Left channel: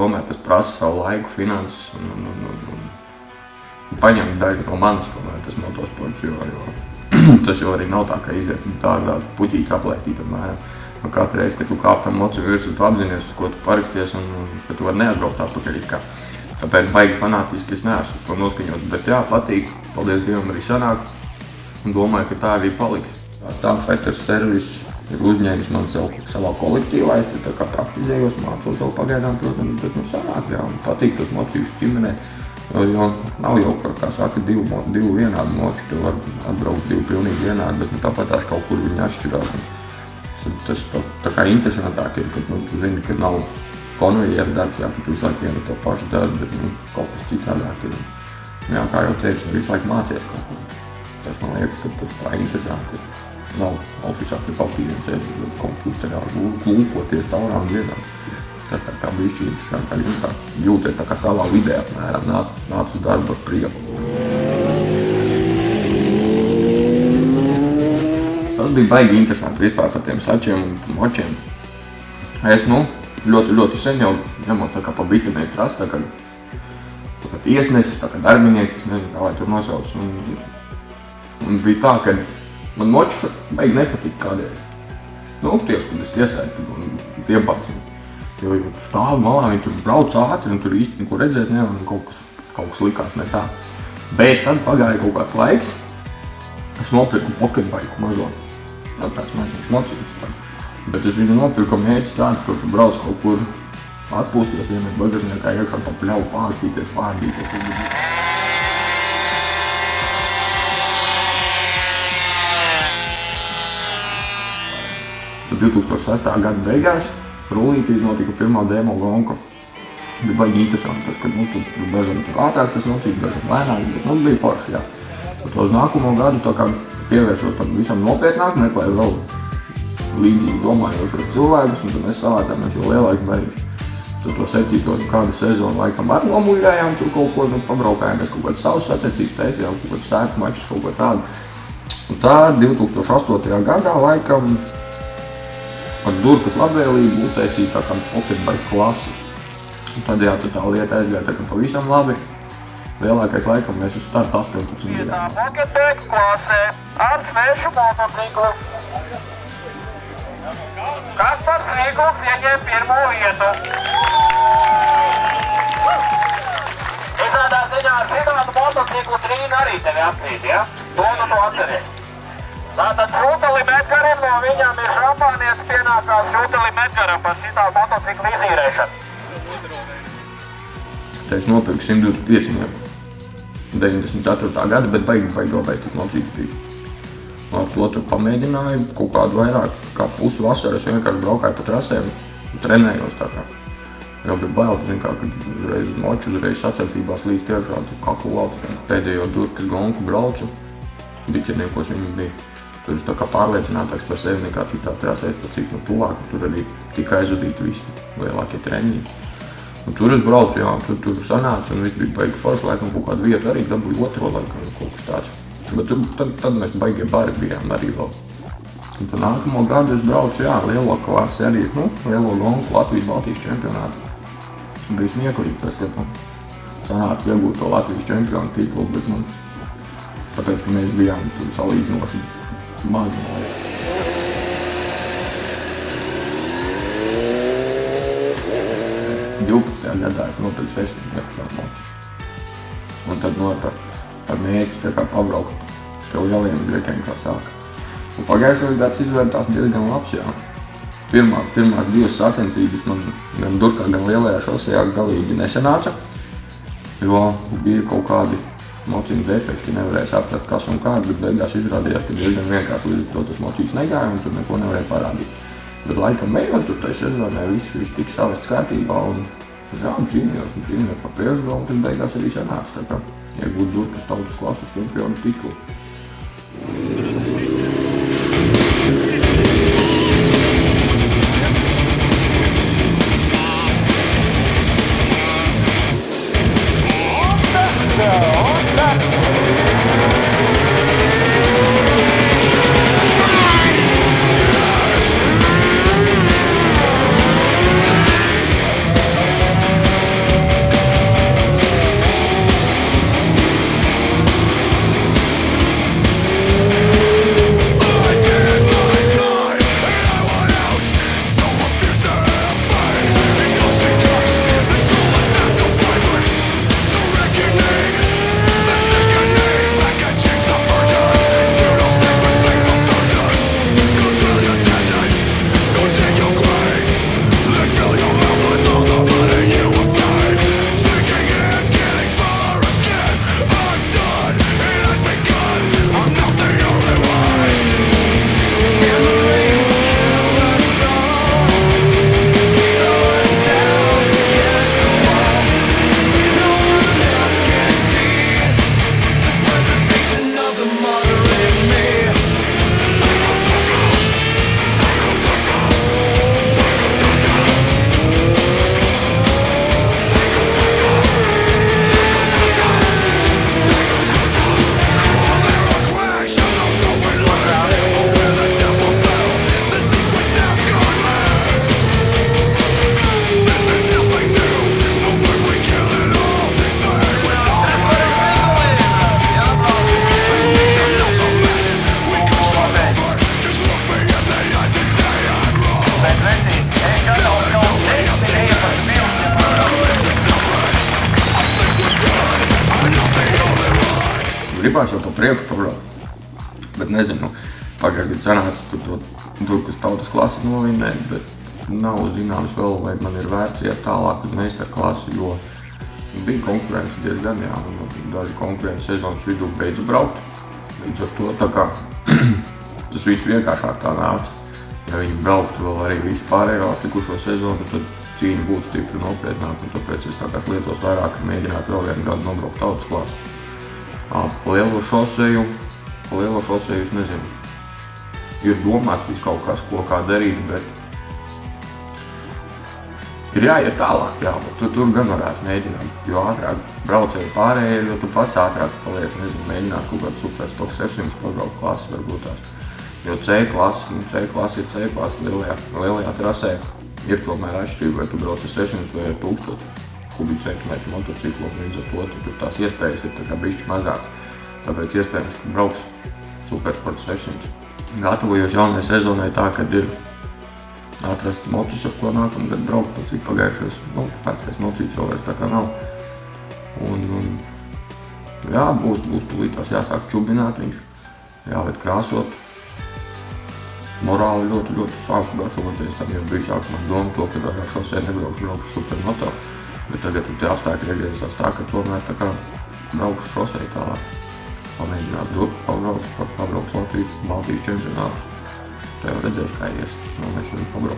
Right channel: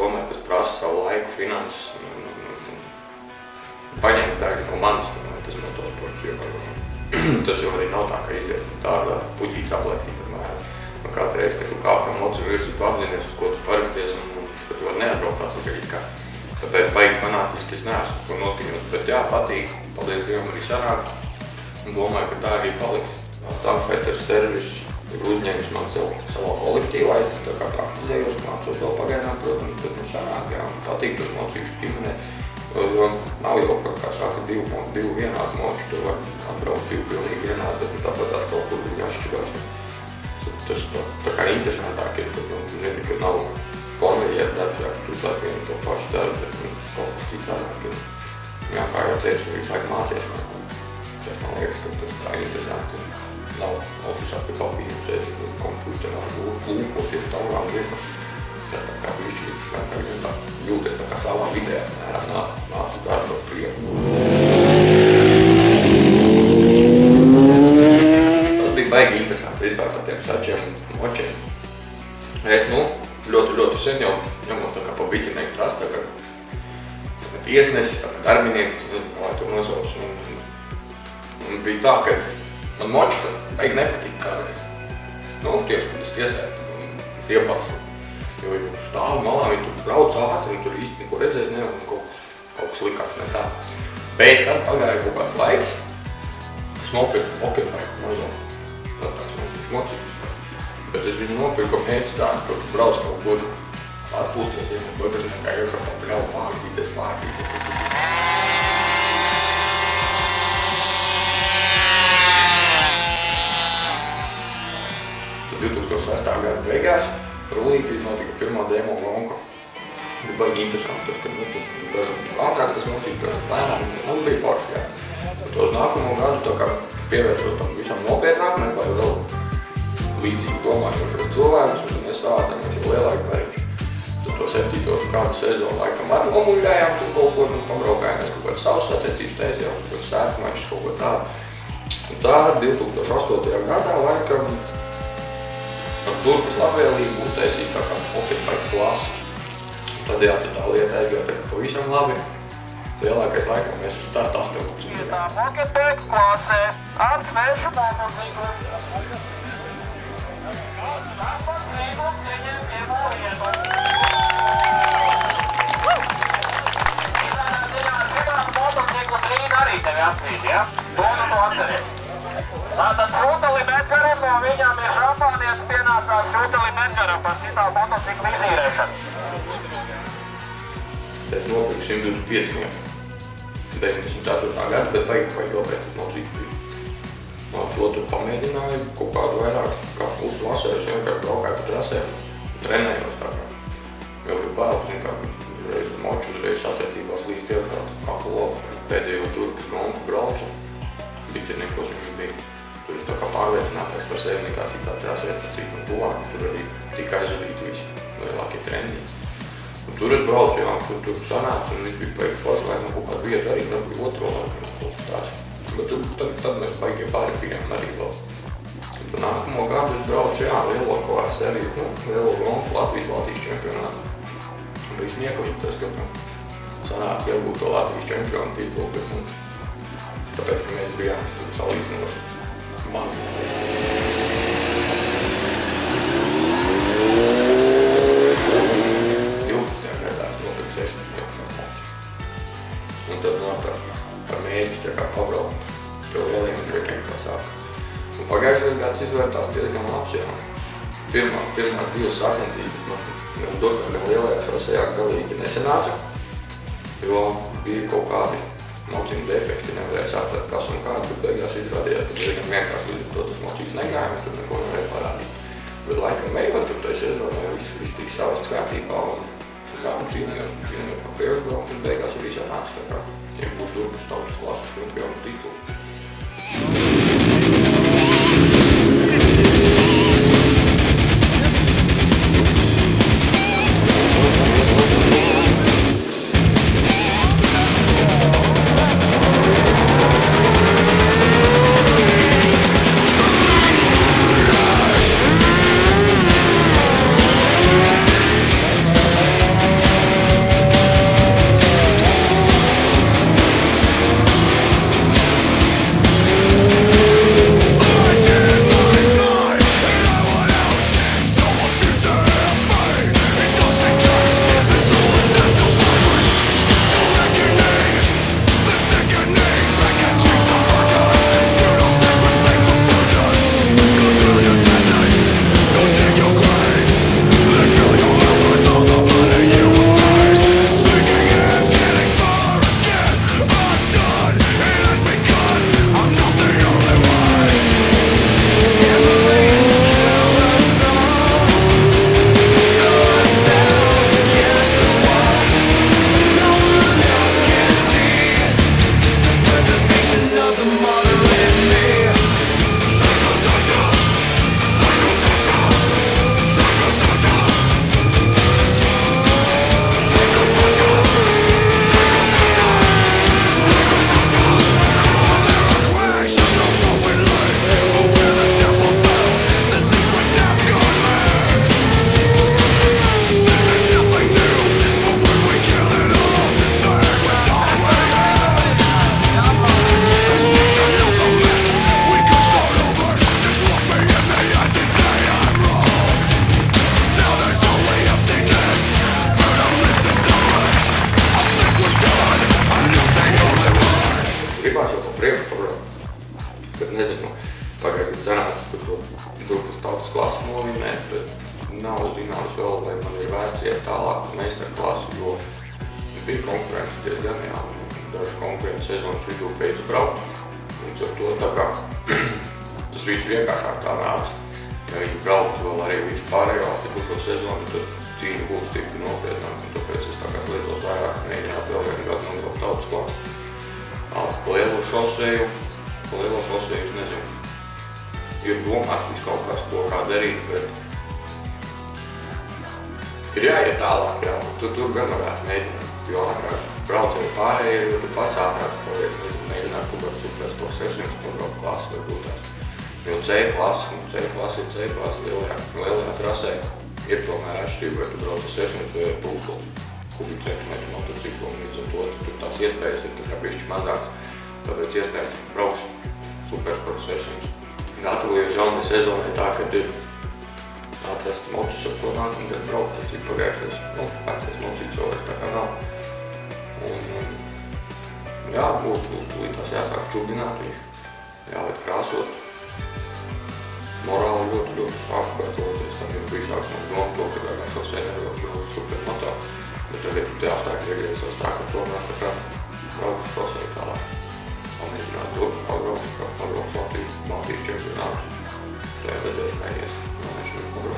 tomēr tas prasa savu laiku, finanses un paņemt daļu no manis, tas motosports, jo tas jau arī nav tā, ka iziet tādā puķītes aplēktī, piemēram. Katru reizi, kad tu kāp tam mocu virsū, tu apzinies, uz ko tu paraksties un ka tu vari neatbraukt atpakaļ it kā. Tāpēc baigi fanātiski es neesmu uz to noskaņos, bet jā, patīk, paldies Dievam arī sanāk un domāju, ka tā arī paliks. Stāv Peters servis ir uzņēmis man savā kolektīvā, es tā kā praktizējos, mācos vēl pagaidām, protams, bet sanāk, jā, patīk tos mocīšus ķimenēt, jo nav jau, kā saka, divu vienādu moču, tu var atbraukt divu pilnīgi vienādu, bet tāpēc tās kaut kur viņi atšķirās. Tas tā kā interesantāk ir, kad tu zini, ka nav konvejera darbs, jā, ka tu visu laiku vienu to pašu darbu, bet kaut kas citādāk ir. Jā, kā jau teicu, visu laiku mācies kaut ko. Tas man liekas, ka tas tā interesanti ir. Nav ofisā pie papīra un sēdzi komputerā, lūkoties taurām vienā. Tas tā kā bišķi interesanti, tā jūties tā kā savā vidē apmēram, nāc uz darbu ar prieku. Tas bija baigi interesanti vispār par tiem sačiem un močiem. Es, ļoti sen jau ņemot tā kā pa biķinieku trasu, tā kā tiesnesis, tā kā darbinieks, es nezinu, kā lai tur nosauc. Un bija tā, ka man močs baigi nepatika kādreiz. Tieši, kad es tiesētu un iebāzu. Jo stāv malā, viņi tur brauc ātri un tur īsti neko redzēt nevar un kaut kas likās ne tā. Bet tad pagāja kaut kāds laiks, es nopirku poketbaiku mazo. Vēl kāds mazs mocījums. Bet es viņu nopirku mērķi tādu, ka tu brauc kaut kur atpūsties, iemet bagažniekā iekšā pa pļauju pārtīties. Tad 2006. gada beigās rullītīs notika pirmā demo gonka. Bija baigi interesanti tas, kad tur dažam ātrāks tas nocīt, dažam lēnāk, bet bija forši, jā. Tad uz nākamo gadu tā kā pievēršos tam visam nopietnāk, meklēju vēl līdzīgi domājošos cilvēkus, un tad mēs savācāmies jau lielāki bariņš. Tad to 7. kādu sezonu laikam arī nomuļājām, tur kaut ko pabraukājāmies, kaut kāds savs sacensības taisījām, kaut kāds sētas mačus, kaut ko tādu. Un tā 2008. gadā laikam ar Durkas labvēlību uztaisīja tā kādu poketbike klasi. Tad jā, tā lieta aizgāja tā kā pavisam labi. Lielākais laikam mēs uz startu 18 gadiem. Tā poketbike klasē ar svešu motociklu. Kaspars Rīgls ieņem pirmo vietu. Visādā ziņā ar šitādu motociklu Trīna arī tevi apcīt, ja? To atceries. Tātad Šūtelim Edgaram no viņam ir šampānietis pienākās Šūtelim Edgaram par šitādu motociklu izīrēšanu. Es nopirku 125 metru. 94. gada, bet baigi labais tas motocikls bija. Ar to tur pamēģināju kaut kādu vairāk, kā pusi vasaru es vienkārši braukāju pa trasēm un trenējos tā kā. Jau bija bail, kā reiz uz moču, reiz sacensībās līdz tiešām kaklu lauku. Pēdējo Durkas gonku braucu, biķerniekos viņi bija. Tur es tā kā pārliecinātāks par sevi nekā citā trasēs, pa cik no tuvāk, tur arī tika aizvadīti visi lielākie treniņi. Un tur es braucu, jā, tur sanāca un viss bija baigi forši, laikam kaut kādu vietu arī dabūju otro laikam kaut kas tāds. Bet tad mēs baigie bari bijām arī vēl. Un pa nākamo gadu es braucu, jā, lielo klasi arī, lielo gonku Latvijas-Baltijas čempionātu. Bija smieklīgi tas, ka sanāca iegūt to Latvijas čempionu titulu, bet tāpēc, ka mēs bijām salīdzinoši mazi. Gadā es nopirku 16 metru motu. Un tad ar mērķi tā kā pabraukt pie lieliem grekiem, kā saka. Un pagājušais gads izvērtās diezgan labs, jā. Pirmās divas sacensības man gan Durkā, gan lielajā šosejā galīgi nesanāca, jo bija kaut kādi mociņu defekti, nevarēja saprast, kas un kāds, bet beigās izrādījās, ka diezgan vienkārši līdz to tas mocījums negāja un tur neko nevarēja parādīt. Bet laikam beigās tur tai sezonē viss tika savests kārtībā un jā, un cīnījos par priekšgalu, un tas beigās arī sanāca, tā kā iegūt Durkas tautas klases čempionu titulu. priekšu pabraukt. Bet nezinu, pagājušajā sanāca tur kas tautas klasi novinēja, bet nav zināms vēl, vai man ir vērts iet tālāk uz meistaru klasi, jo bija konkurence diezgan, jā, un daži konkurenti sezonas vidū beidza braukt. Līdz ar to tā kā tas viss vienkāršāk tā nāca. Ja viņi brauktu vēl arī visu pārējo atlikušo sezonu, tad cīņa būtu stipri nopietnāk, un tāpēc es tā kā liecos vairāk mēģināt vēl vienu gadu nobraukt tautas klasi. Pa lielo šoseju es nezinu. Ir domāts viss kaut kas, ko kā darīt, bet ir jāiet tālāk, jā, tur gan varētu mēģināt, jo ātrāk braucēju pārējie, jo tu pats ātrāk paliek, nezinu, mēģināt kaut kādu Superstock 600 pabraukt klasi varbūt tās. Jo C klasi ir C klasi lielajā trasē, ir tomēr atšķirība, vai tu brauc ar 600 vai ar 1000 kubikcentimetru motociklu, un līdz ar to tur tās iespējas ir tā kā bišķi mazāk, tāpēc iespējams brauks Supersport 600. Gatavojos jaunai sezonai tā, kad ir atrast mocus, ar ko nākamgad braukt, tas ir pagājušais, pērtais mocīts vēl tā kā nav. Un jā, būs tūlītās jāsāk čubināt viņš, jāved krāsot. Morāli ļoti sāku gatavoties, tam jau bija sākumās doma to, ka ar šosei nebraukšu supermoto, bet tagad te apstākļi iegriezās tā, ka tomēr tā kā braukšu šosei tālāk. Pamēģināt pabraukt Baltijas čempionātus. Tā jau redzēs, kā ies. Mēs viņu pabraukt.